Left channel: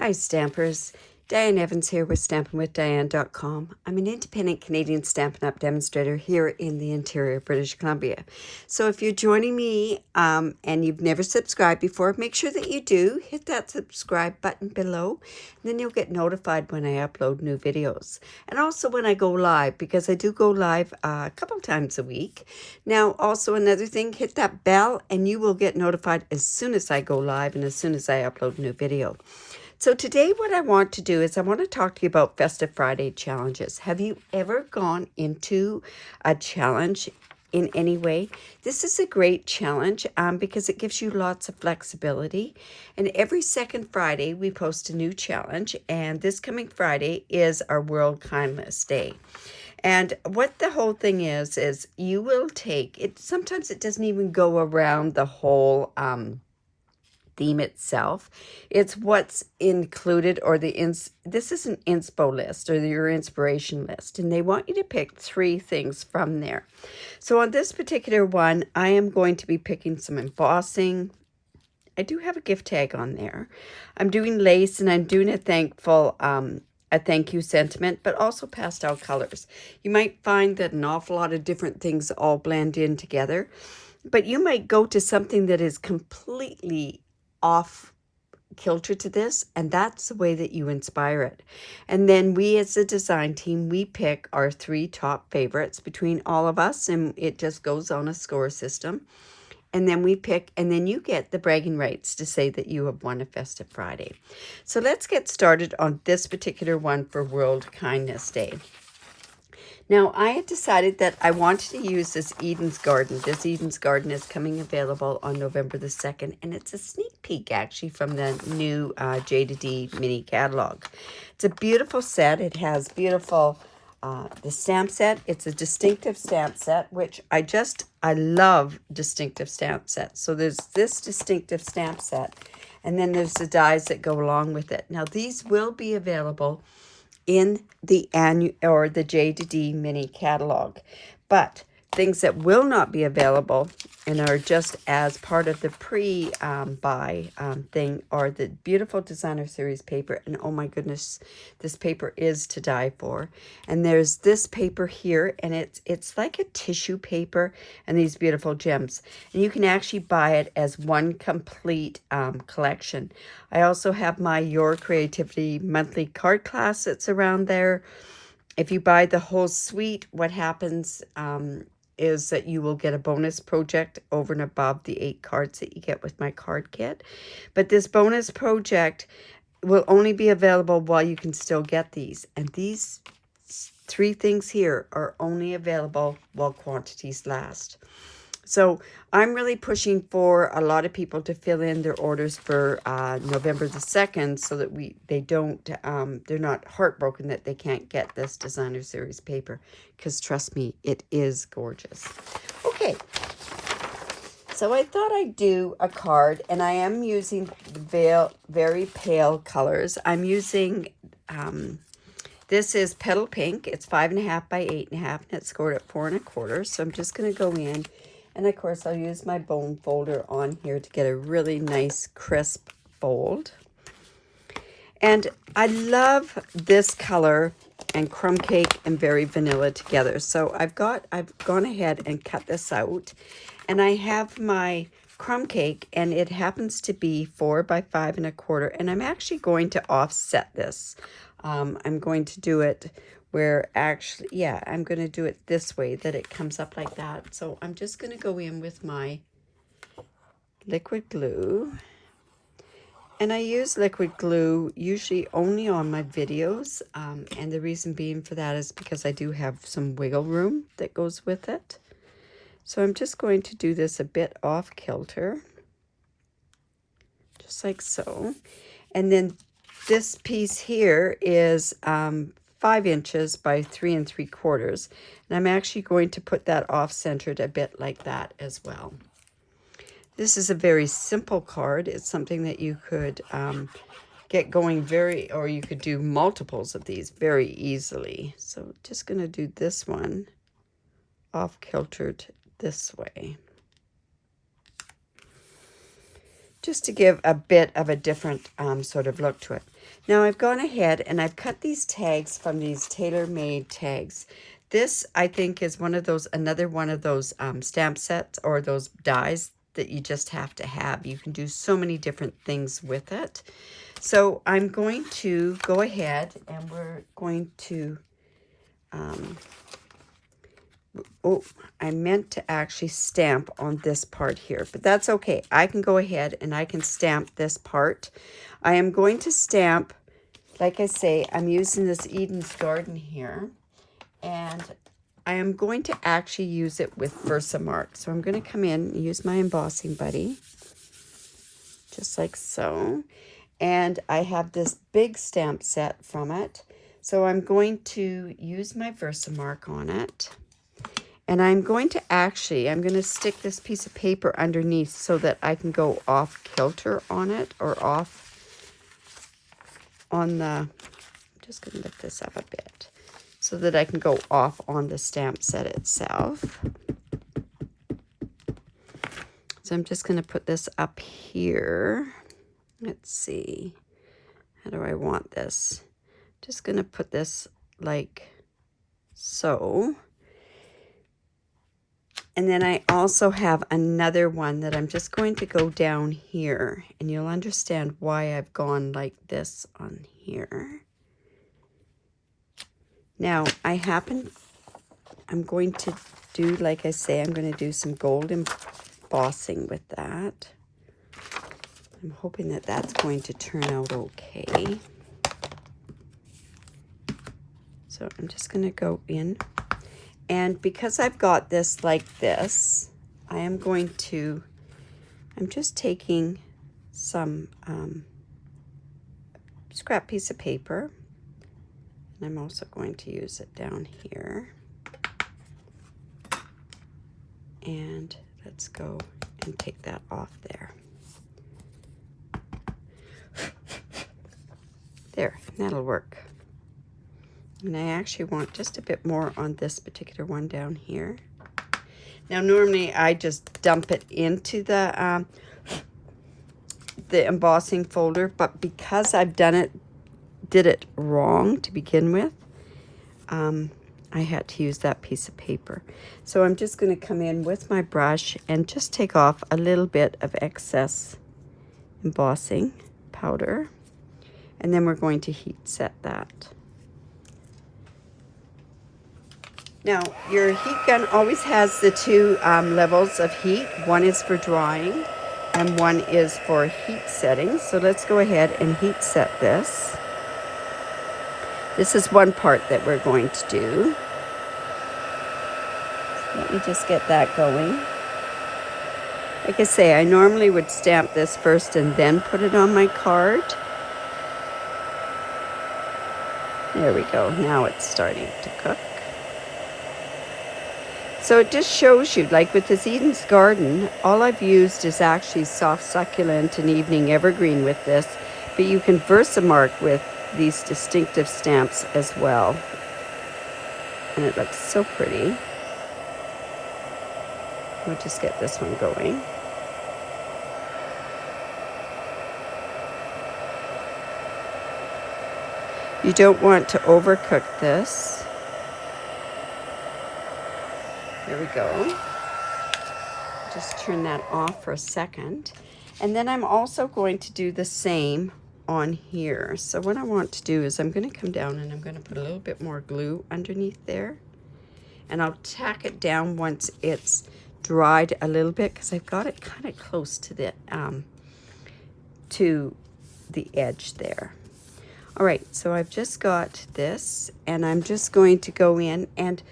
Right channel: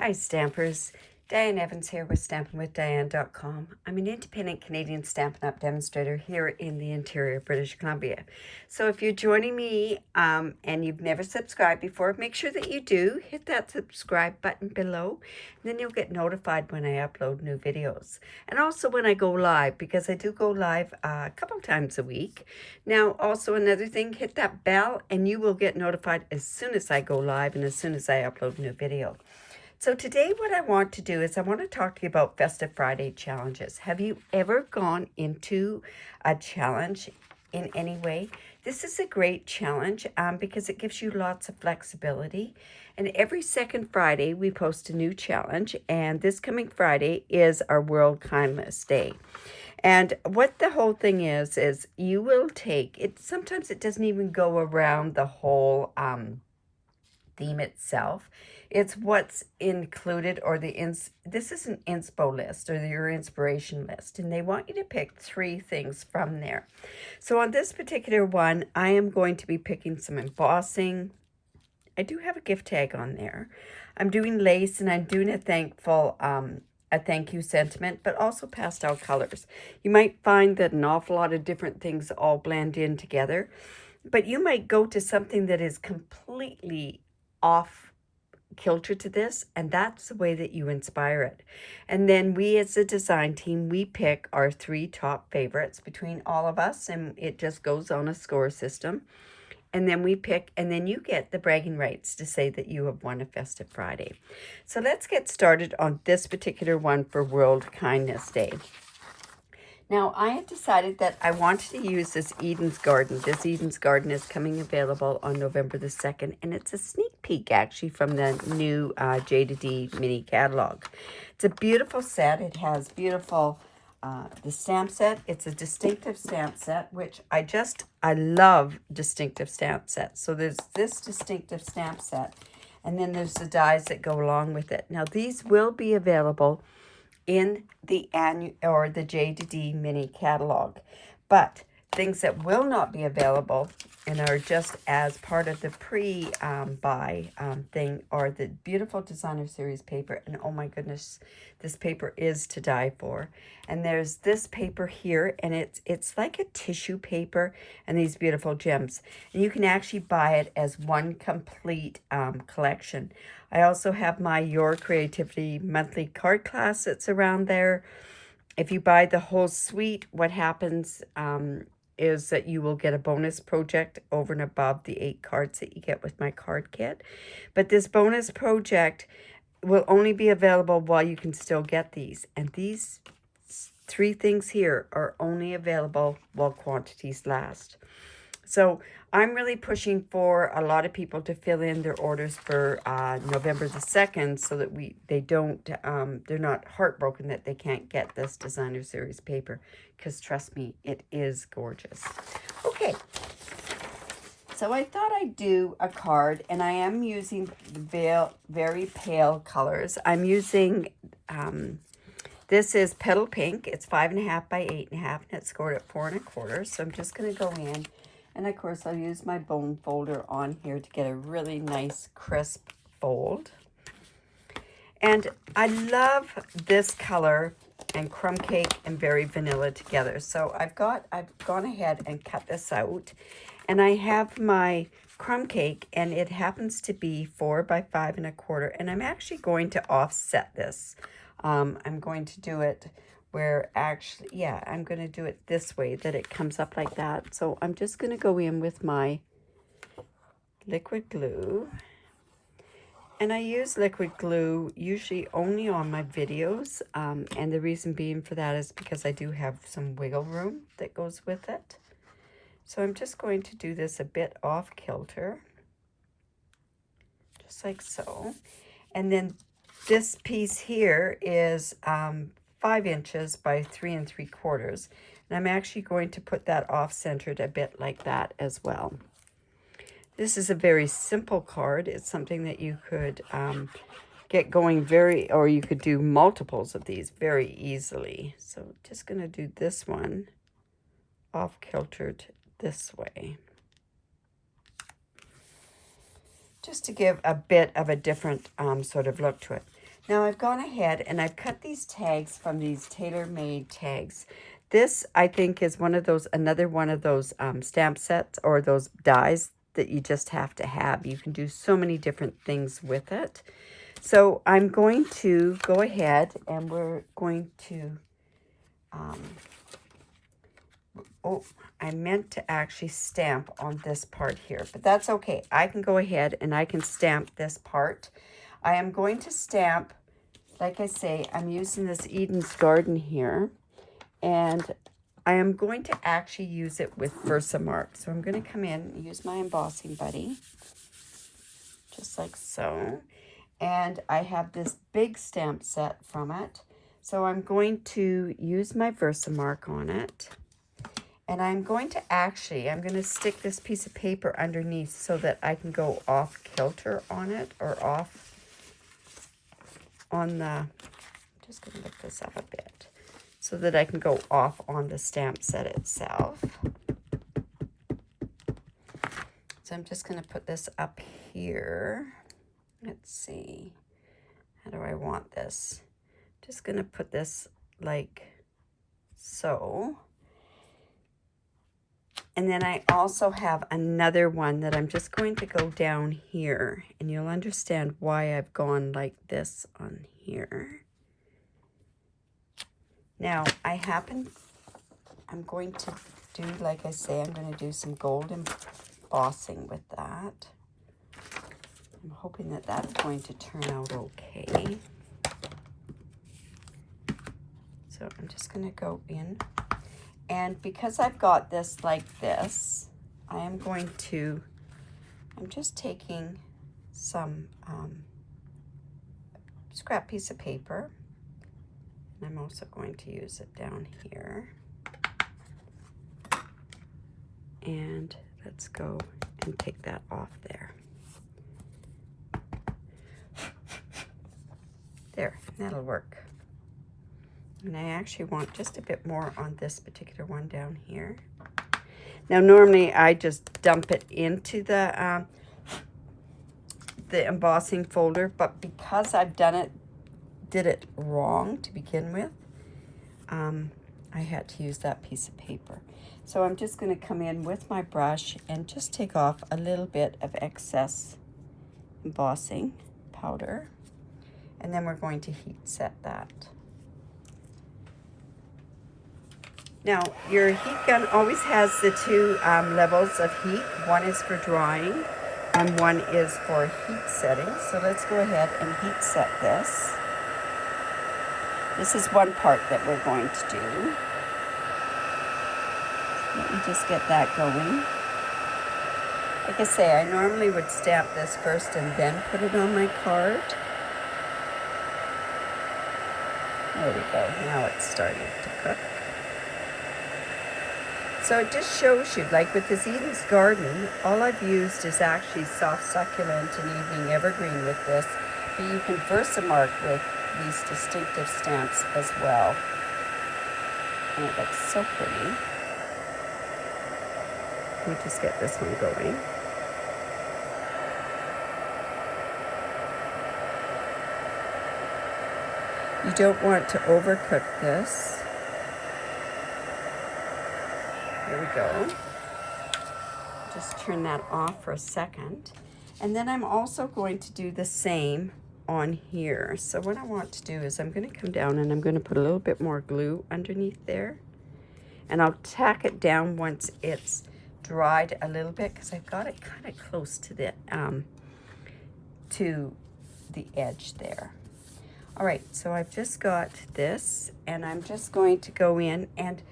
Hi Stampers, Diane Evans here with stampinwithdiane.com. I'm an independent Canadian Stampin' Up demonstrator here in the interior of British Columbia. So if you're joining me and you've never subscribed before, make sure that you do. Hit that subscribe button below, and then you'll get notified when I upload new videos. And also when I go live, because I do go live a couple times a week. Now also another thing, hit that bell and you will get notified as soon as I go live and as soon as I upload a new video. So today what I want to do is I want to talk to you about Festive Friday challenges. Have you ever gone into a challenge in any way? This is a great challenge because it gives you lots of flexibility. And every second Friday we post a new challenge, and this coming Friday is our World Kindness Day. And what the whole thing is you will take it. Sometimes it doesn't even go around the whole theme itself. It's what's included, or this is an inspo list, or your inspiration list, and they want you to pick 3 things from there. So on this particular one, I am going to be picking some embossing. I do have a gift tag on there. I'm doing lace, and I'm doing a thank you sentiment, but also pastel colors. You might find that an awful lot of different things all blend in together, but you might go to something that is completely off kilter to this, and that's the way that you inspire it. And then we as a design team, we pick our 3 top favorites between all of us, and it just goes on a score system. And then we pick, and then you get the bragging rights to say that you have won a Festive Friday. So let's get started on this particular one for World Kindness Day. Now, I had decided that I wanted to use this Eden's Garden. This Eden's Garden is coming available on November the 2nd, and it's a sneak peek, actually, from the new J2D mini catalog. It's a beautiful set. It has beautiful, the stamp set. It's a distinctive stamp set, which I love distinctive stamp sets. So there's this distinctive stamp set, and then there's the dies that go along with it. Now, these will be available in the annual or the J2D mini catalog, but things that will not be available and are just as part of the pre-buy thing are the beautiful designer series paper. And oh my goodness, this paper is to die for. And there's this paper here, and it's like a tissue paper, and these beautiful gems, and you can actually buy it as one complete collection. I also have my Your Creativity monthly card class that's around there. If you buy the whole suite, what happens is that you will get a bonus project over and above the 8 cards that you get with my card kit. But this bonus project will only be available while you can still get these. And these 3 things here are only available while quantities last. So I'm really pushing for a lot of people to fill in their orders for November the 2nd, so that they're not heartbroken that they can't get this designer series paper, because trust me, it is gorgeous. Okay, so I thought I'd do a card, and I am using very pale colors. I'm using, this is Petal Pink. It's 5.5 by 8.5, and it's scored at 4 1/4. So I'm just going to go in. And of course, I'll use my bone folder on here to get a really nice crisp fold. And I love this color and crumb cake and very vanilla together. So I've gone ahead and cut this out. And I have my crumb cake, and it happens to be 4 by 5 1/4. And I'm actually going to offset this. I'm going to do it where actually, yeah, I'm going to do it this way, that it comes up like that. So I'm just going to go in with my liquid glue. And I use liquid glue usually only on my videos. And the reason being for that is because I do have some wiggle room that goes with it. So I'm just going to do this a bit off kilter, just like so. And then this piece here is 5 inches by 3 3/4, and I'm actually going to put that off-centered a bit like that as well. This is a very simple card. It's something that you could get going or you could do multiples of these very easily. So just going to do this one off-kiltered this way, just to give a bit of a different sort of look to it. Now I've gone ahead and I've cut these tags from these tailor-made tags. This, I think, is another one of those stamp sets or those dies that you just have to have. You can do so many different things with it. So I'm going to go ahead and we're going to, oh, I meant to actually stamp on this part here, but that's okay. I can go ahead and I can stamp this part. I am going to stamp, like I say, I'm using this Eden's Garden here, and I am going to actually use it with Versamark. So I'm going to come in and use my embossing buddy, just like so. And I have this big stamp set from it. So I'm going to use my Versamark on it. And I'm going to stick this piece of paper underneath so that I can go off kilter on it, or off on the, I'm just going to lift this up a bit so that I can go off on the stamp set itself. So I'm just going to put this up here. Let's see, how do I want this? Just going to put this like so. And then I also have another one that I'm just going to go down here, and you'll understand why I've gone like this on here. Now, I'm going to do, like I say, I'm going to do some gold embossing with that. I'm hoping that that's going to turn out okay. So I'm just going to go in. And because I've got this like this, I'm just taking some scrap piece of paper, and I'm also going to use it down here. And let's go and take that off there. There, that'll work. And I actually want just a bit more on this particular one down here. Now, normally I just dump it into the embossing folder, but because I've did it wrong to begin with, I had to use that piece of paper. So I'm just going to come in with my brush and just take off a little bit of excess embossing powder, and then we're going to heat set that. Now, your heat gun always has the two levels of heat. One is for drying and one is for heat setting. So let's go ahead and heat set this. This is one part that we're going to do. Let me just get that going. Like I say, I normally would stamp this first and then put it on my card. There we go. Now it's starting to cook. So it just shows you, like with this Eden's Garden, all I've used is actually soft succulent and evening evergreen with this, but you can Versamark with these distinctive stamps as well. And it looks so pretty. We'll just get this one going. You don't want to overcook this. There we go. Just turn that off for a second. And then I'm also going to do the same on here. So what I want to do is I'm going to come down and I'm going to put a little bit more glue underneath there. And I'll tack it down once it's dried a little bit, because I've got it kind of close to the edge there. All right, so I've just got this, and I'm just going to go in, and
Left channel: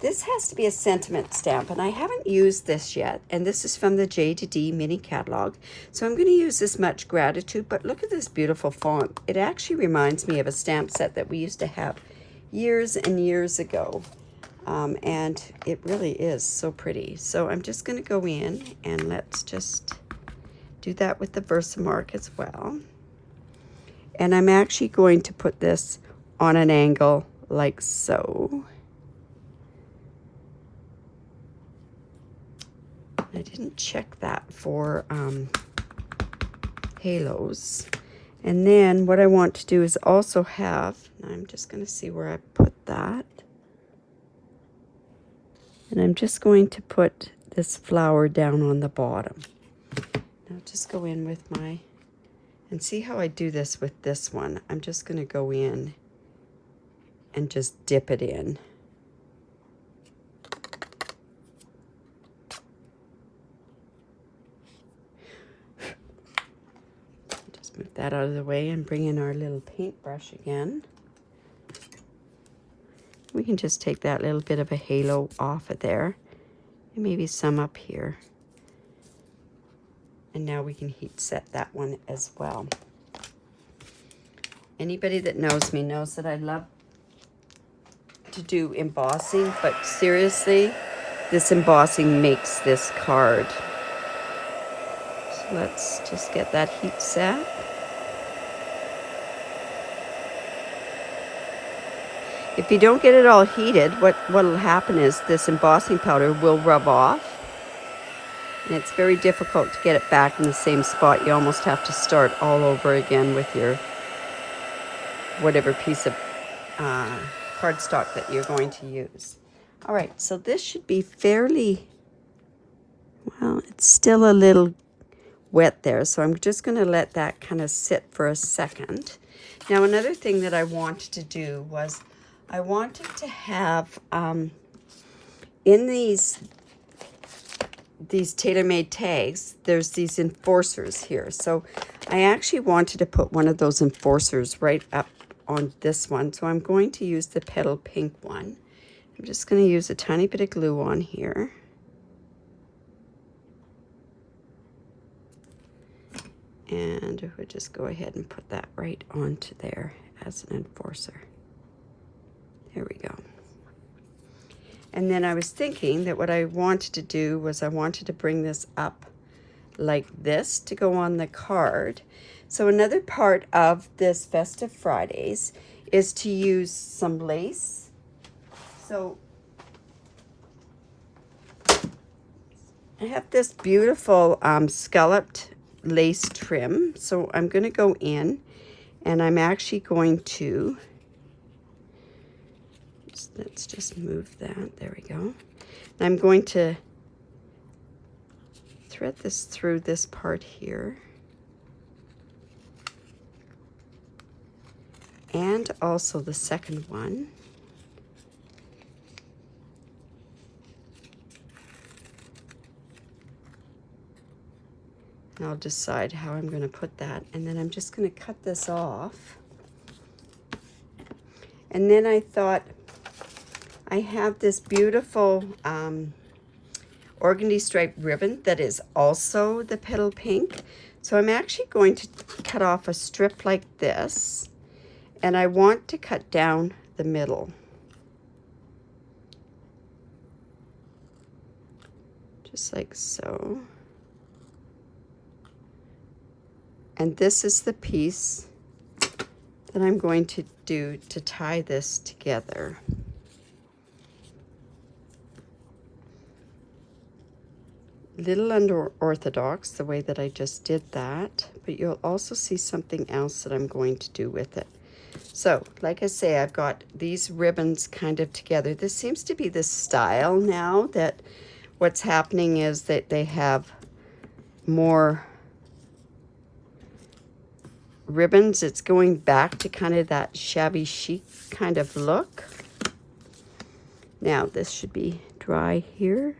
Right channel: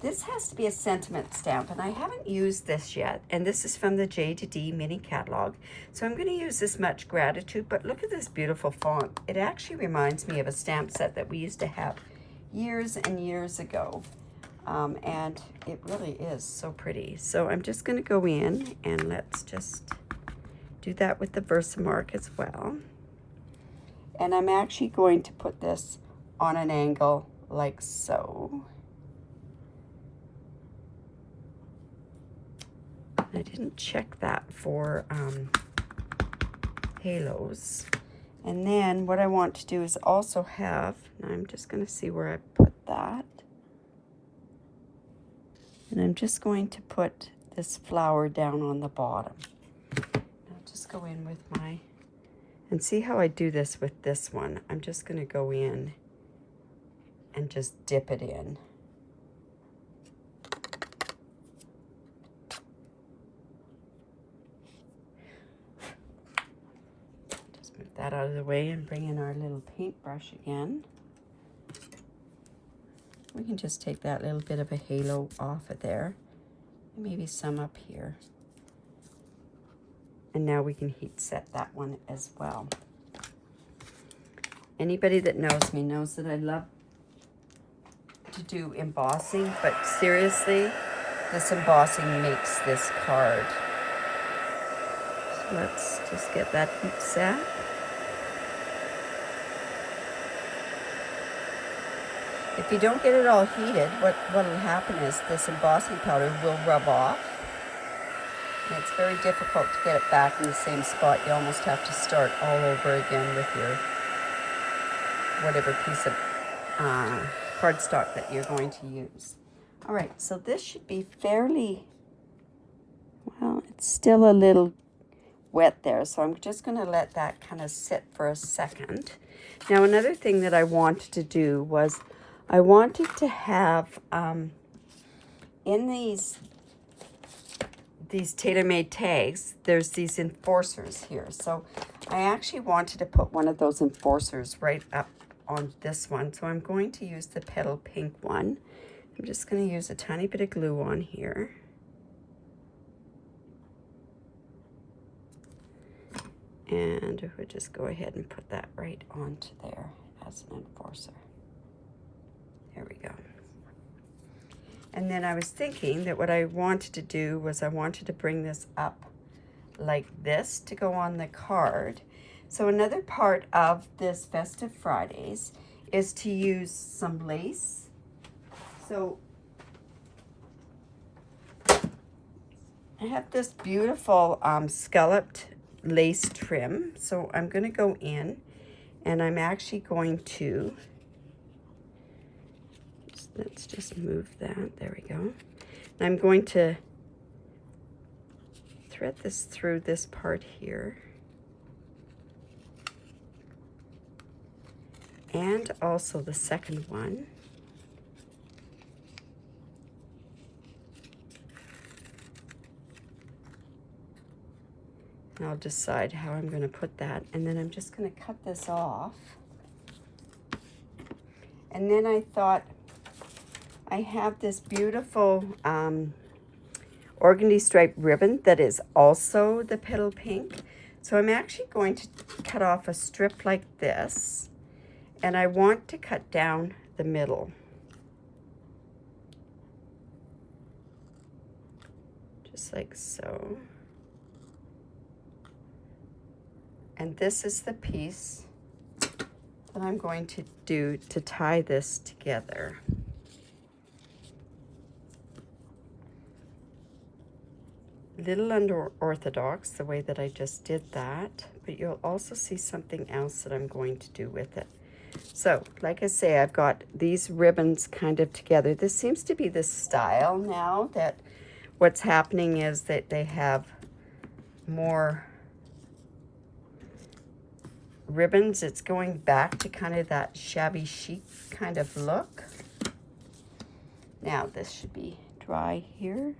this has to be a sentiment stamp, and I haven't used this yet, and this is from the J to D mini catalog. So I'm going to use this Much Gratitude, but look at this beautiful font. It actually reminds me of a stamp set that we used to have years and years ago, and it really is so pretty. So I'm just going to go in, and let's just do that with the Versamark as well. And I'm actually going to put this on an angle like so. I didn't check that for halos. And then what I want to do is also have, now I'm just going to see where I put that. And I'm just going to put this flower down on the bottom. I'll just go in with my, and see how I do this with this one. I'm just going to go in and just dip it in. Just move that out of the way and bring in our little paintbrush again. We can just take that little bit of a halo off of there, and maybe some up here. And now we can heat set that one as well. Anybody that knows me knows that I love to do embossing, but seriously, this embossing makes this card. So let's just get that heat set. If you don't get it all heated, what will happen is this embossing powder will rub off. And it's very difficult to get it back in the same spot. You almost have to start all over again with your whatever piece of cardstock that you're going to use. All right, so this should be fairly, well, it's still a little wet there. So I'm just going to let that kind of sit for a second. Now, another thing that I wanted to do was I wanted to have in these tailor-made tags, there's these enforcers here. So I actually wanted to put one of those enforcers right up on this one. So I'm going to use the petal pink one. I'm just going to use a tiny bit of glue on here. And we'll just go ahead and put that right onto there as an enforcer. There we go. And then I was thinking that what I wanted to do was I wanted to bring this up like this to go on the card. So another part of this Festive Fridays is to use some lace. So I have this beautiful scalloped lace trim. So I'm going to go in and I'm actually going to, let's just move that. There we go. I'm going to thread this through this part here. And also the second one. And I'll decide how I'm going to put that. And then I'm just going to cut this off. And then I thought, I have this beautiful organdy stripe ribbon that is also the petal pink. So I'm actually going to cut off a strip like this. And I want to cut down the middle. Just like so. And this is the piece that I'm going to do to tie this together. Little unorthodox the way that I just did that, but you'll also see something else that I'm going to do with it. So, like I say, I've got these ribbons kind of together. This seems to be the style now, that what's happening is that they have more ribbons. It's going back to kind of that shabby chic kind of look. Now, this should be dry here.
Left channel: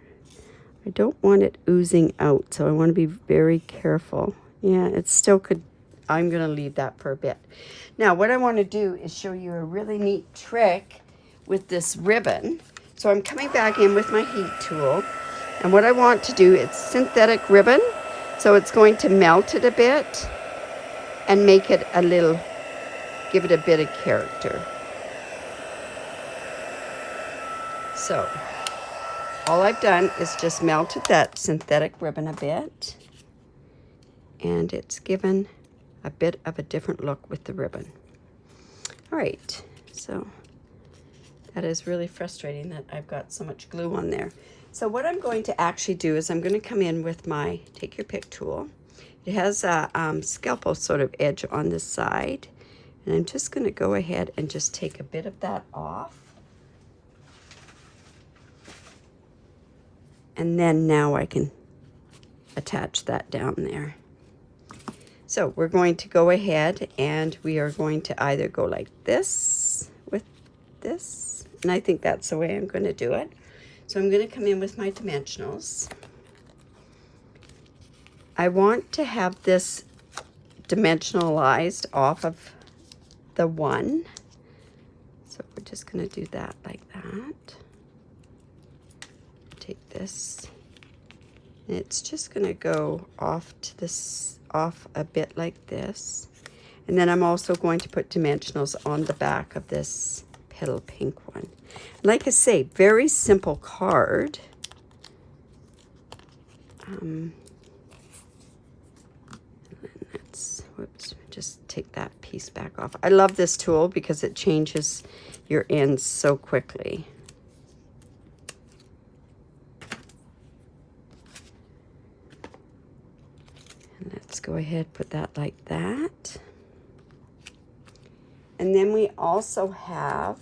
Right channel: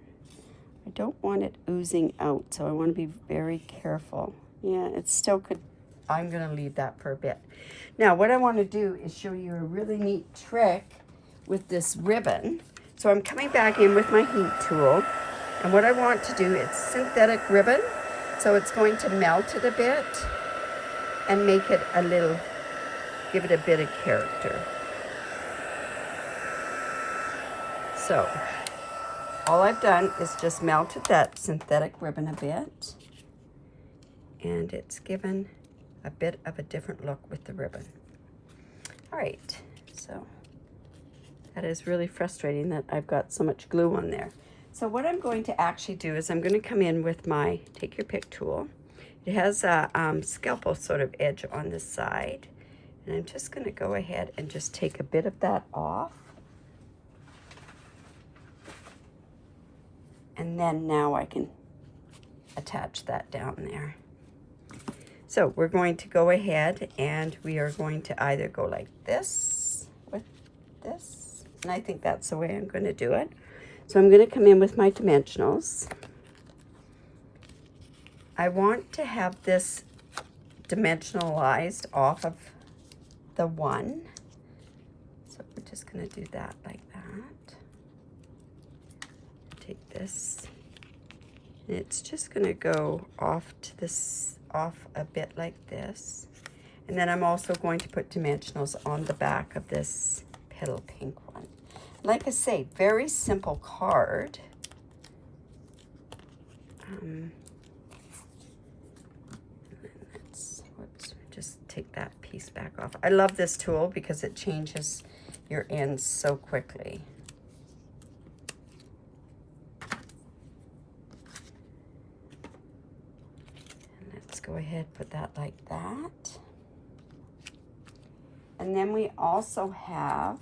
I don't want it oozing out, so I want to be very careful. Yeah, it still could. I'm going to leave that for a bit. Now, what I want to do is show you a really neat trick with this ribbon. So I'm coming back in with my heat tool, and what I want to do is synthetic ribbon. So it's going to melt it a bit and make it a little, give it a bit of character. So all I've done is just melted that synthetic ribbon a bit, and it's given a bit of a different look with the ribbon. All right, so that is really frustrating that I've got so much glue on there. So what I'm going to actually do is I'm going to come in with my take your pick tool, It has a scalpel sort of edge on the side. And I'm just going to go ahead and just take a bit of that off. And then now I can attach that down there. So we're going to go ahead and we are going to either go like this with this. And I think that's the way I'm going to do it. So I'm going to come in with my dimensionals. I want to have this dimensionalized off of the 1. So we're just going to do that like that. Take this. And it's just going to go off to this, off a bit like this. And then I'm also going to put dimensionals on the back of this petal pink one. Like I say, very simple card. Whoops, just take that piece back off. I love this tool because it changes your ends so quickly. And let's go ahead, put that like that. And then we also have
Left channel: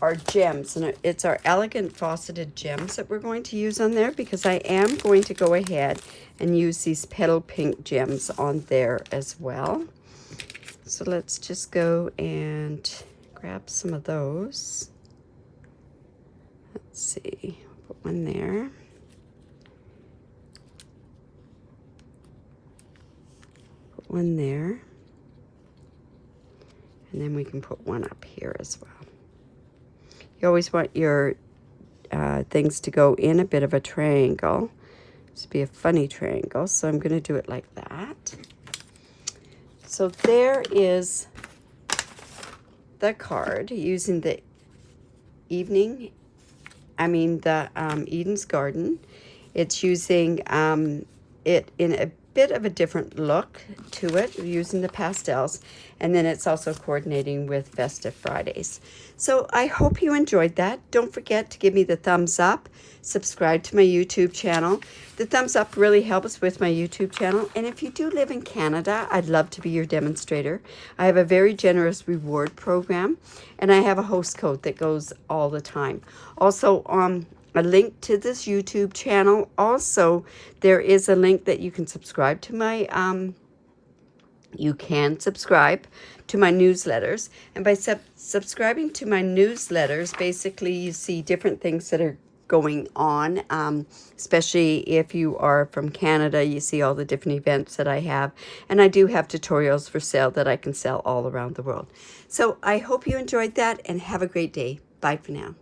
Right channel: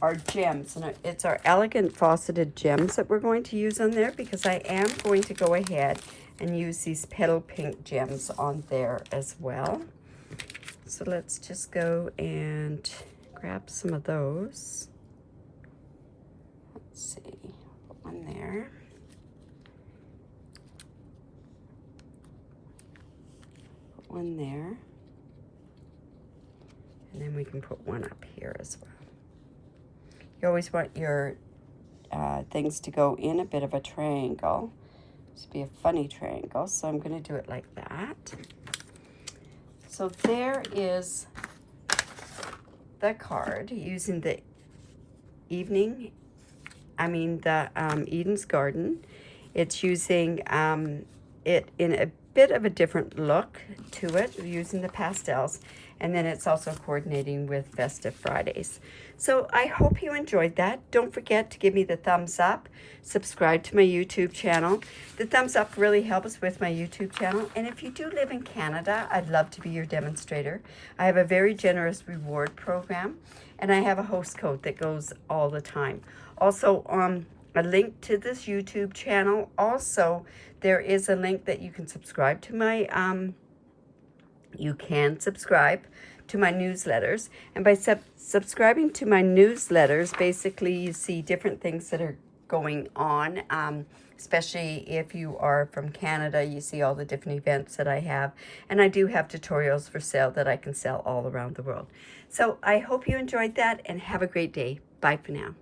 our gems, and it's our elegant faceted gems that we're going to use on there, because I am going to go ahead and use these petal pink gems on there as well. So let's just go and grab some of those. Let's see, put one there. Put one there. And then we can put one up here as well. You always want your things to go in a bit of a triangle. This would be a funny triangle, so I'm going to do it like that. So there is the card using the Eden's Garden. It's using it in a bit of a different look to it, using the pastels. And then it's also coordinating with Festive Fridays. So I hope you enjoyed that. Don't forget to give me the thumbs up. Subscribe to my YouTube channel. The thumbs up really helps with my YouTube channel. And if you do live in Canada, I'd love to be your demonstrator. I have a very generous reward program. And I have a host code that goes all the time. Also, a link to this YouTube channel. Also, there is a link that you can subscribe to my newsletters, and by subscribing to my newsletters, basically you see different things that are going on, especially if you are from Canada. You see all the different events that I have, and I do have tutorials for sale that I can sell all around the world. So I hope you enjoyed that, and have a great day. Bye for now.